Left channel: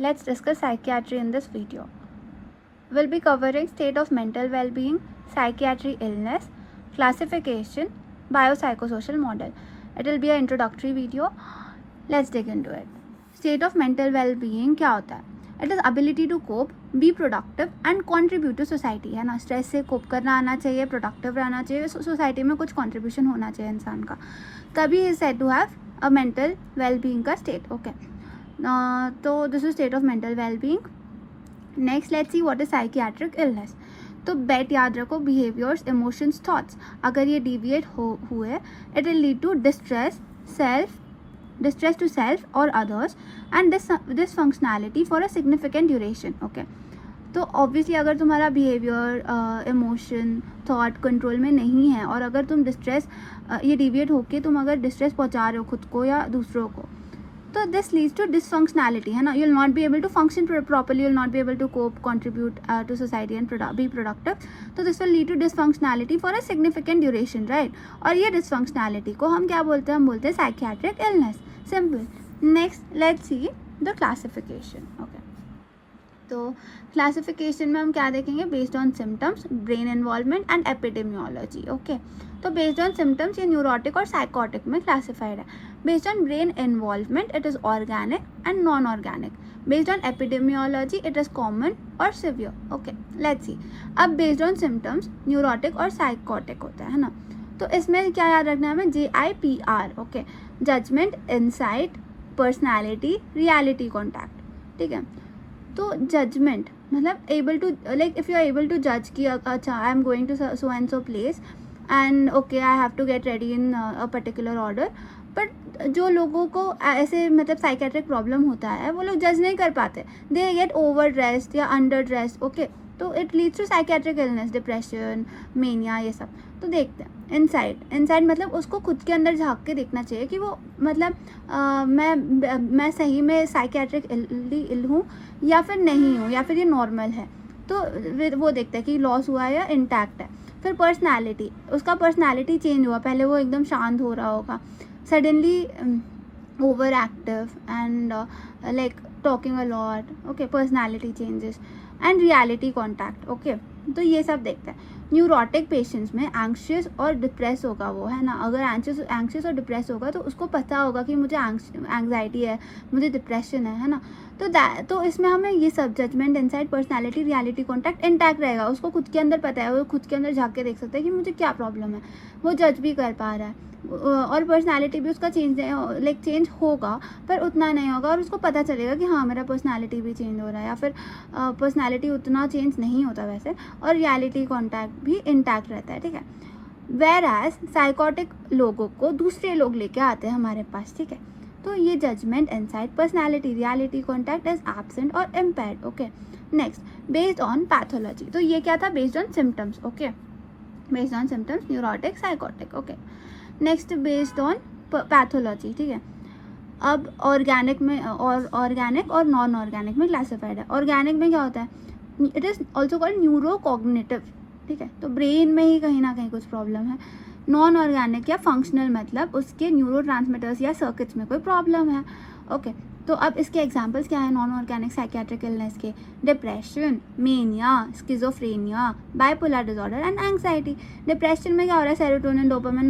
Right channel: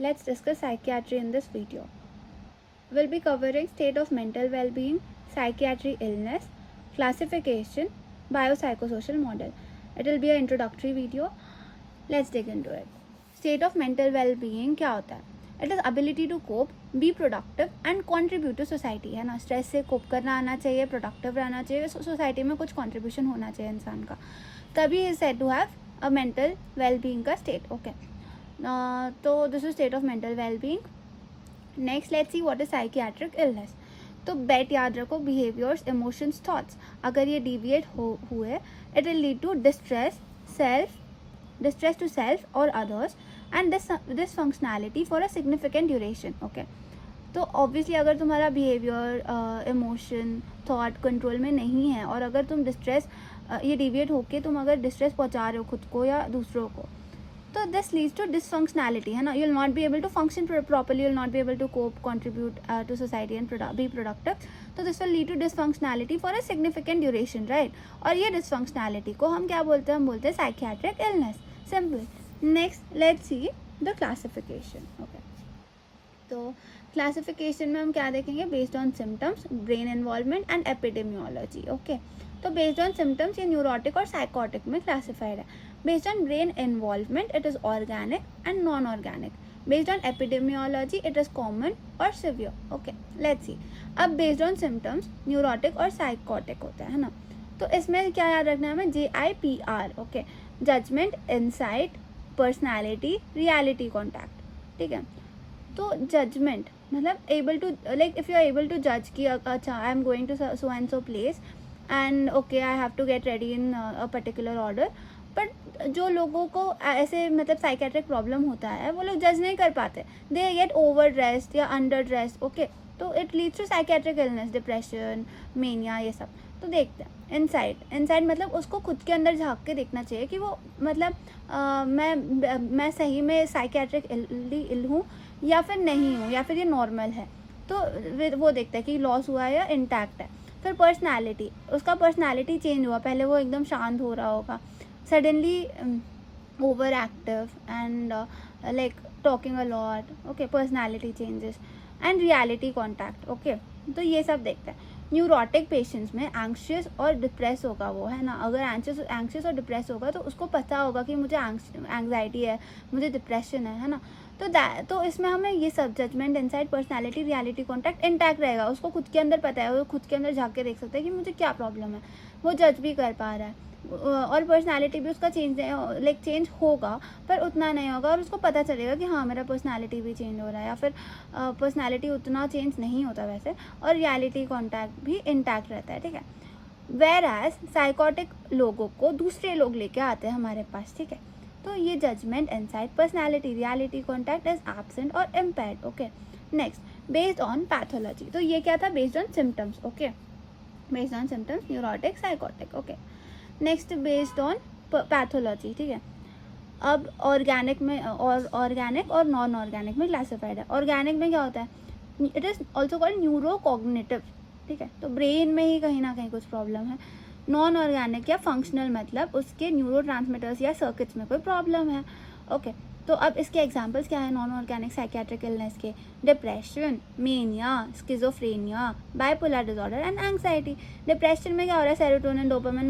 Let's discuss psychiatry in this video. We'll be covering state of mental well-being, psychiatric illness, classification, biopsychosocial model. It will be an introductory video. Let's dig into it. State of mental well-being क्या होता है? It is ability to cope, be productive and contribute to society. है ना, stress से कोप करना आना चाहिए, productive रहना चाहिए, सोसाइटी में कुछ कंट्रीब्यूशन होना चाहिए इंसान का, तभी is said to have a mental well being का स्टेट. ओके, तो this is state of mental well being. Next let's see what is psychiatric illness. तो बेट याद रखो, बिहेवियर्स, इमोशंस, थॉट्स अगर ये डिविएट हुए it will lead to distress to self or others and dysfunctionality for a significant duration. Okay, तो obviously अगर तुम्हारा बिहेवियर, इमोशन, थॉट कंट्रोल में नहीं है और अगर तुम डिस्ट्रेस ये डिविएट होके तुम अगर डिस्ट्रेस पहुंचा रहे हो खुद को या दूसरों को, तो दिस लीड्स टू डिसफंक्शनैलिटी. है ना, you will not be able to function properly, you will not be able to cope, contribute to society and be productive. तो this will lead to dysfunctionality for a significant duration, right. और ये dysfunctionality को हम क्या बोलते हैं? हम बोलते हैं psychiatric illness. Simple. Next let's see the classification. Okay, तो क्लासिफिकेशन में हम क्या देखेंगे? Based on symptoms, brain involvement and epidemiology. Okay, तो बेस्ड ऑन सिम्टम्स ये न्यूरोटिक और साइकोटिक में क्लासिफाइड है. Based on brain involvement it is organic and non organic. Based on epidemiology it is common और सिवियर. ओके, लेट्स सी. अब based on symptoms neurotic और psychotic होता है ना, तो इसमें क्या याद रखना है हमें? JIPR. Okay, judgement, insight, personality, reality contact. ठीक है, तो जजमेंट मतलब able to, like if you are able to जज कि अच्छा I am going to so and so place and okay I have to get ready in a particular order. But जो लोगों को ऐसे मतलब साइकेट्रिक प्रॉब्लम होता है वो लोग जज नहीं कर पाते, दे गेट ओवर ड्रेस्ड या अंडर ड्रेस्ड. ओके, तो it leads to psychiatric illness, depression, mania, ये सब. तो देखते हैं इनसाइड मतलब उसको खुद के अंदर झांक के देखना चाहिए कि वो मतलब मैं सही में साइकेट्रिक इल हूँ या फिर नहीं हूँ, या फिर ये नॉर्मल है. तो वो देखता है कि लॉस हुआ है या इंटैक्ट है. फिर पर्सनालिटी, उसका पर्सनालिटी चेंज हुआ, पहले वो एकदम शांत हो रहा होगा, suddenly over active and like talking a lot. Okay, personality changes and reality contact. Okay, तो ये सब देखता है. न्यूरोटिक पेशेंट्स में एंग्शियस और डिप्रेस होगा वो, है ना. अगर एंग्शियस और डिप्रेस होगा तो उसको पता होगा कि मुझे एंग्जाइटी है, मुझे डिप्रेशन है ना. तो इसमें हमें ये सब judgement, insight, personality, reality contact intact रहेगा. उसको खुद के अंदर पता है, वो खुद के अंदर झाँक के देख सकता है कि मुझे क्या प्रॉब्लम है, वो जज भी कर पा रहा है. और पर्सनालिटी भी उसका चेंज होगा पर उतना नहीं होगा, और उसको पता चलेगा कि हाँ मेरा पर्सनालिटी भी चेंज हो रहा है, या फिर पर्सनालिटी उतना चेंज नहीं होता वैसे, और रियलिटी कॉन्टैक्ट भी इंटैक्ट रहता है. ठीक है, वेर एज साइकोटिक लोगों को दूसरे लोग लेके आते हैं हमारे पास. ठीक है, तो ये judgement, insight, personality, reality contact is absent और impaired. Okay, next based on pathology. तो ये क्या था? Based on symptoms. Okay, based on symptoms neurotic, psychotic. Okay, next based on pathology. ठीक है, अब ऑर्गेनिक में ऑर्गेनिक और नॉन ऑर्गेनिक में क्लासिफाइड है. ऑर्गेनिक में क्या होता है? It is also called neurocognitive. ठीक है, तो ब्रेन में ही कहीं ना कहीं कुछ प्रॉब्लम है. नॉन ऑर्गेनिक या फंक्शनल मतलब उसके न्यूरोट्रांसमीटर्स या सर्किट्स में कोई प्रॉब्लम है. ओके, तो अब इसके एग्जांपल्स क्या है नॉन ऑर्गेनिक साइकियाट्रिक इलनेस के? Depression, mania, schizophrenia, bipolar disorder and anxiety. Depression में क्या हो रहा है? Serotonin, dopamine,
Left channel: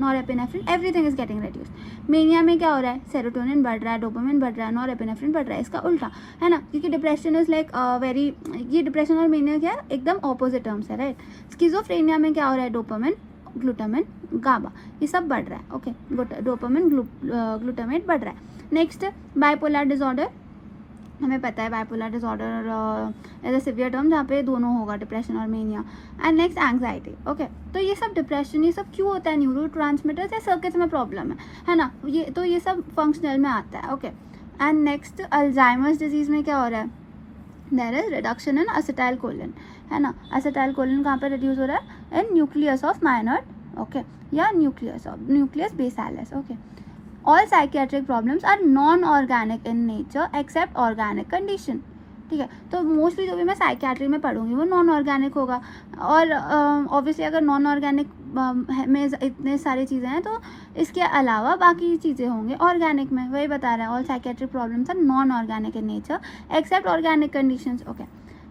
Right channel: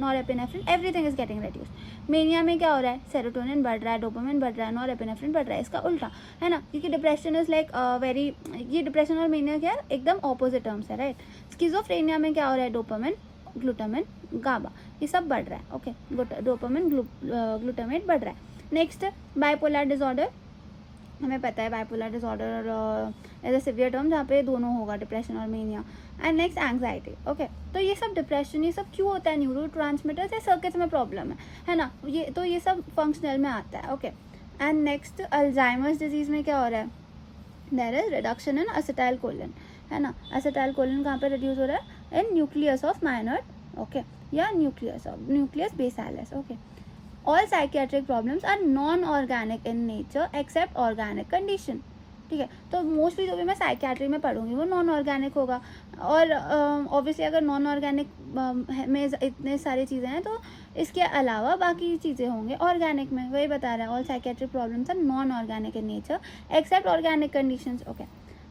norepinephrine everything is getting reduced. Mania में क्या हो रहा है? सेरोटोनिन बढ़ रहा है, डोपामिन बढ़ रहा है, नॉरएपिनेफ्रिन बढ़ रहा है. इसका उल्टा है ना, क्योंकि डिप्रेशन इज लाइक ये डिप्रेशन और मेनिया क्या है? एकदम ऑपोजिट टर्म्स है, राइट. स्किज़ोफ्रेनिया में क्या हो रहा है? डोपामिन, ग्लूटामिन, गाबा ये सब बढ़ रहा है. ओके, डोपामिन, ग्लूटामेट बढ़ रहा है. Next bipolar disorder. हमें पता है bipolar disorder as a severe term जहाँ पे दोनों होगा, डिप्रेशन और mania. And next anxiety. Okay, तो ये सब डिप्रेशन ये सब क्यों होता है? न्यूरोट्रांसमीटर्स या सर्किट्स में प्रॉब्लम है ना. ये सब फंक्शनल में आता है. Okay, and next Alzheimer's disease में क्या हो रहा है? There is reduction in acetylcholine, है ना. असेटाइल कोलिन कहाँ पे रिड्यूस हो रहा है? In nucleus of Meynert. Okay, या nucleus basalis. Okay, all psychiatric problems are non-organic in nature except organic condition. ठीक है, तो मोस्टली जो भी मैं साइकियाट्री में पढ़ूंगी वो नॉन ऑर्गेनिक होगा. और ऑब्वियसली अगर नॉन ऑर्गेनिक में इतने सारी चीज़ें हैं तो इसके अलावा बाकी चीज़ें होंगे ऑर्गेनिक में, वही बता रहा है all psychiatric problems are non organic in nature except organic conditions. Okay,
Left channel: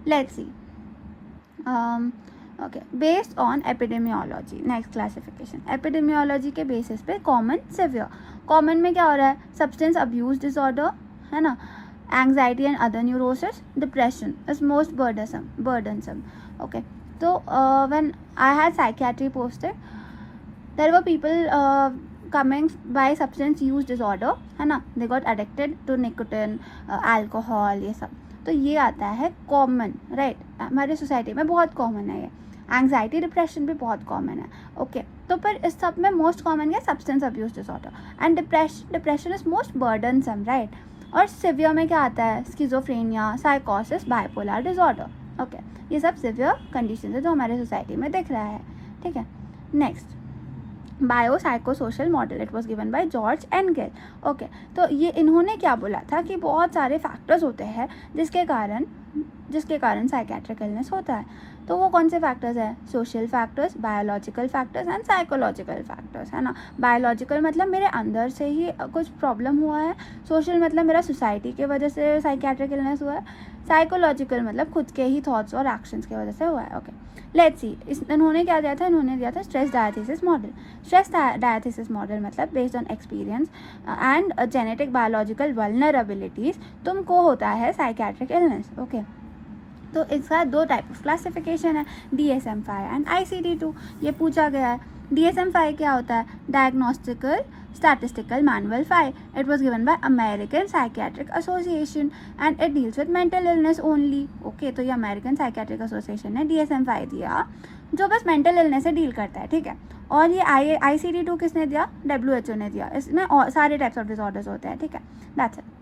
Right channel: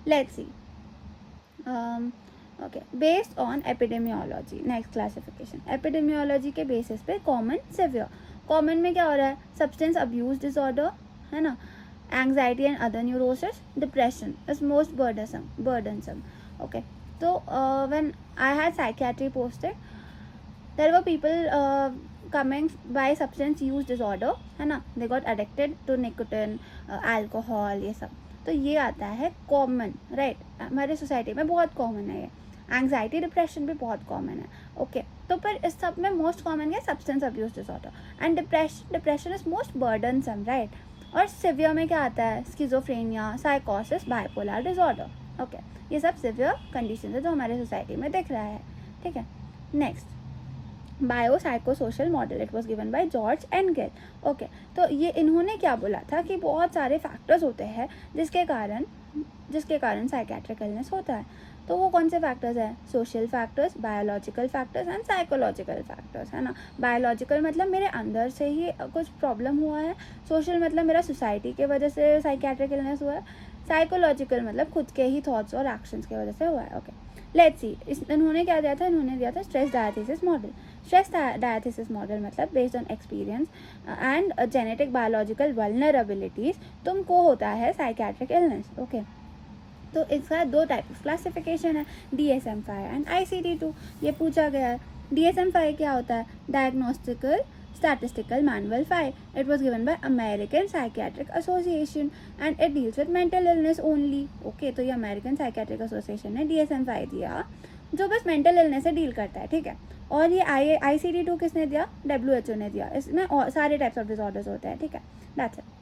let's see. Okay, based on epidemiology. Next classification epidemiology के बेसिस पे कॉमन, सिवियर. कॉमन में क्या हो रहा है? सब्सटेंस अब्यूज डिसऑर्डर, है ना, anxiety and other neurosis, depression is most burdensome. Okay, तो when I had psychiatry posted, there were people coming by substance use disorder, है ना, they got addicted to nicotine, alcohol, ये सब. तो ये आता है कॉमन, राइट, हमारे सोसाइटी में बहुत कॉमन है ये. एंग्जाइटी, डिप्रेशन भी बहुत कॉमन है. ओके, तो फिर इस सब में मोस्ट कॉमन है substance abuse disorder and depression is most burdensome, right. और सिवियर में क्या आता है? स्किज़ोफ्रेनिया, साइकोसिस, बाइपोलर डिसऑर्डर. ओके, ये सब सिवियर कंडीशन है जो हमारे सोसाइटी में दिख रहा है. ठीक है, next biopsychosocial model. It was given by George angle. Okay, तो ये इन्होंने क्या बोला था कि बहुत सारे फैक्टर्स होते हैं जिसके कारण साइकेट्रिक इलनेस होता है. तो वो कौन से फैक्टर्स है? Social factors, biological factors and psychological factors, है ना. बायोलॉजिकल मतलब मेरे अंदर से ही कुछ प्रॉब्लम हुआ है. सोशल मतलब मेरा सोसाइटी की वजह से साइकेट्रिक इलनेस हुआ है. साइकोलॉजिकल मतलब खुद के ही थॉट्स और एक्शंस की वजह से हुआ है. Okay, let's see. इन्होंने क्या दिया था? इन्होंने दिया था stress diathesis model. Stress diathesis model मतलब based on experience and genetic biological vulnerabilities तुमको होता है साइकेट्रिक इलनेस. ओके, तो इसका दो टाइप ऑफ क्लासिफिकेशन है, DSM-5 एंड ICD-2. ये पूछा गया है. DSM-5 क्या होता है? डायग्नोस्टिकल Statistical Manual 5. It was given by American Psychiatric Association and it deals with mental illness only. Okay, तो ये American Psychiatric Association ने DSM-5 दिया जो बस mental illness से डील करता है. ठीक है, और ये ICD-2 किसने दिया? WHO ने दिया. इसमें और सारे टाइप्स ऑफ डिसऑर्डर्स होते हैं. ठीक है, that's it.